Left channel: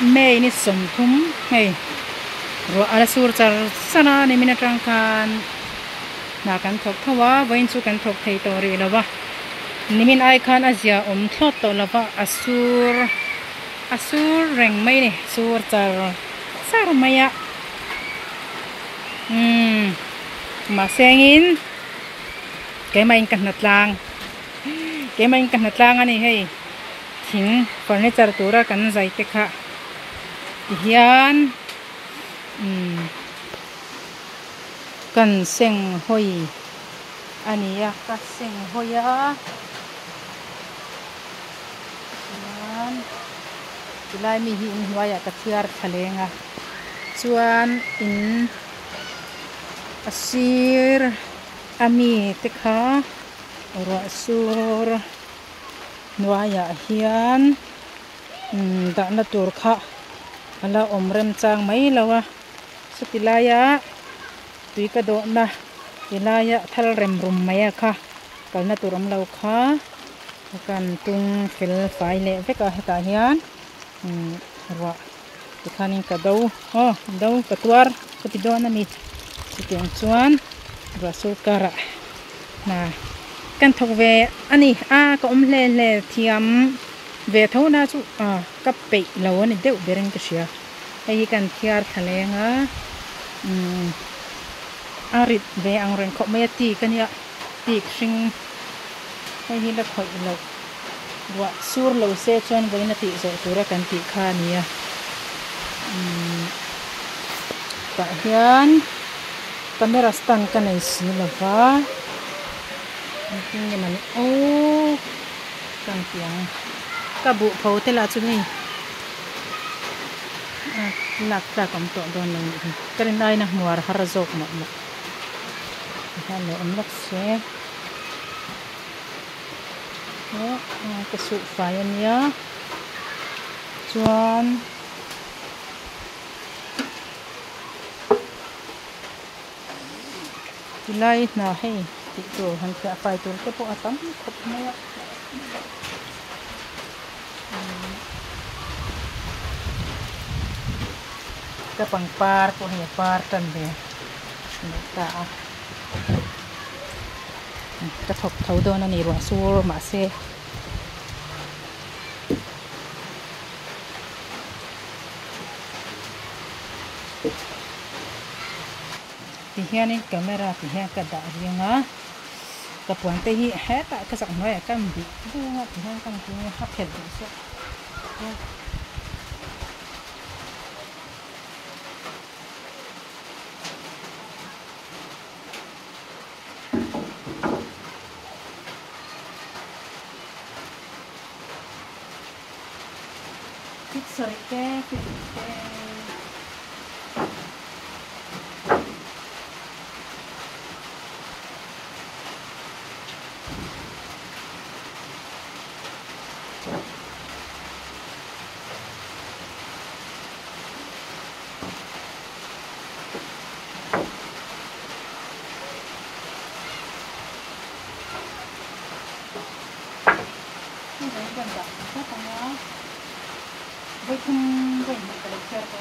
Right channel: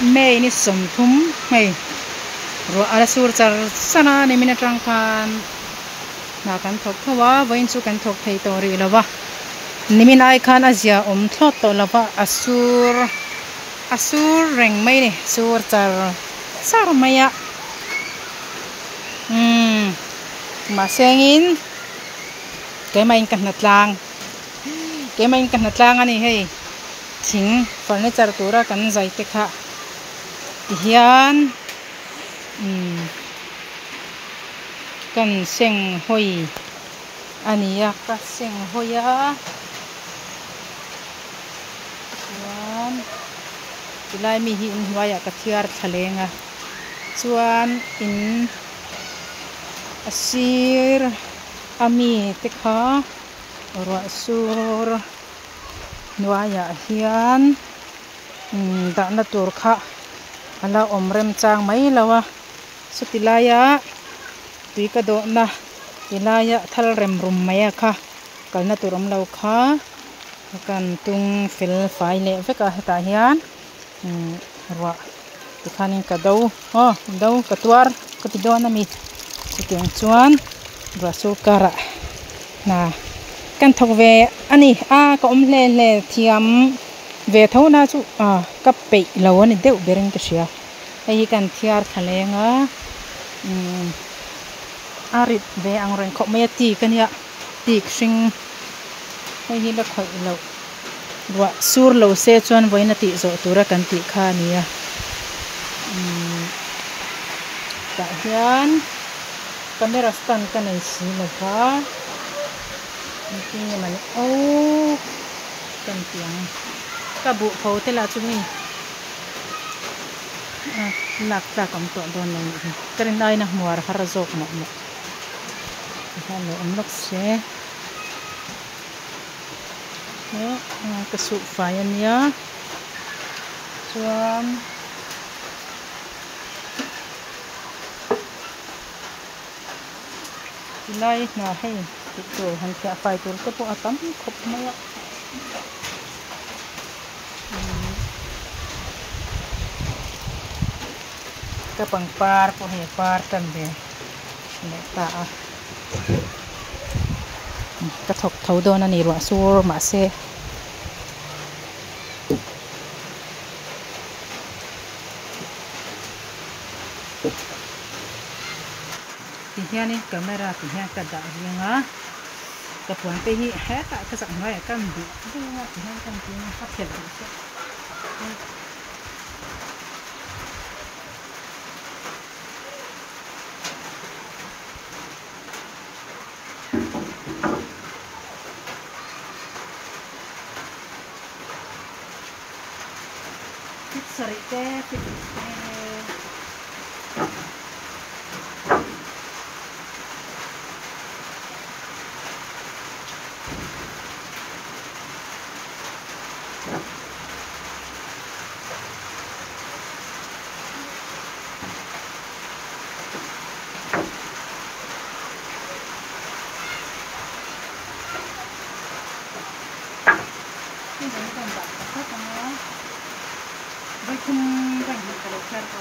mei ni som thum hei ro ala sur char sana ni mina tang kan na kan thok thawa voin chu kan thok thei to ri lawa nimin ai khan azia om thlot to lawa asur reng mai ni sur char sar maya ma sengin ke mai kan natlang ani hei thing furniture tura kan zai te kha hian kan seng hoi ania ka seng hoya hian tilai mi hi in huaya ka thiar thalenga chuan in asir ami te kha ro sur nuaya hian da na tur kha ala omrem chang mai lawa sutilaya tuika do na tilaya thal rem rum maya kha kalna turam lo kha kan tung fel fai le veka heta hian ro tikhanin ka do ka tuar ka ti do na mi tiang chuan ro su kara na kan thok ve ani ka om le thiam ve thona chu ka pe lo ani deu bereng ka sia ai kan thiar thalenga arit ve ang reng kho mai ti kania ti hring ai hi la khoi lo wa sur lo se chuan voina ti zo tura kan ti kha nia ta hian camera stand kan ai si lovaนี่มันเป็นเสียงกระบุเขาแต่ละชุดนี่หลักจากคำตอบโดนเลยกระไรนะมัวฮาร์โซกหมดฮัลโหลอันลักเซ่กระสุนไฟอันนี้ชวนที่ไล่หน้าให้ตัวหันแค่ไฟตัวก็พอตั้มครบไหมอ่ะกระปังปาร์พวกเหี้ยปาร์ตันเดียนี่ตากระทบเท้าโดนนี่รัวซูร์มาเซ่ที่เฮียนี่กล้องเมราที่เฮียกระดาษเรียงอ่ะกระป๋องเตยแฮะตะกระสังน้อยกันดิดูว่าที่เฮียกันจริงว่าเข็ดดิเช่พิซซ่าเต้พิซซ่าไปทำกันไปเชื่อก็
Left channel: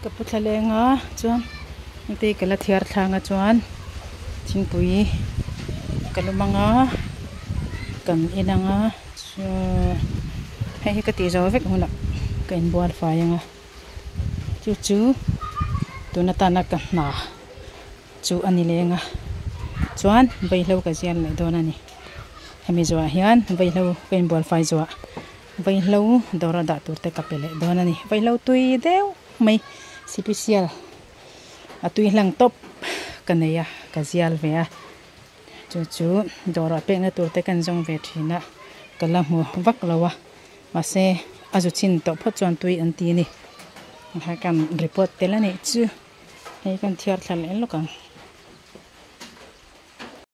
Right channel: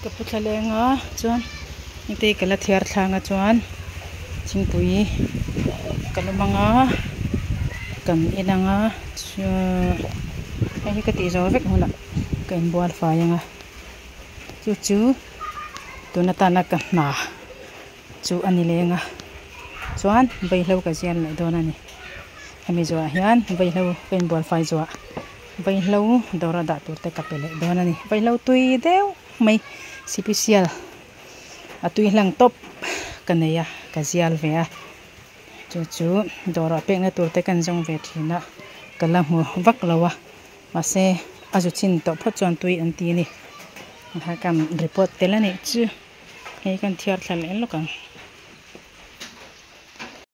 Kaputlalenga chuan ite kala thiar thlanga chuan thingpui kalumanga kam inanga chu hei ka ti zo vek huna kain bual faianga chu tuna tana ka na chu ani lenga chuan beihlo ka zian lai don ani hemi zo hian beihlo kain bual fai zo beihlo dora da turte kapele don ani beihlo tui deu mai sipisial atui hlang top kaneya kazial vea chu dora pek na tur te kan jong ve thina kala mu vak lawa ma se azu chin to pho chuan tui an ti ni ha kan report te la nei chu hei kan thiar thla le lo kan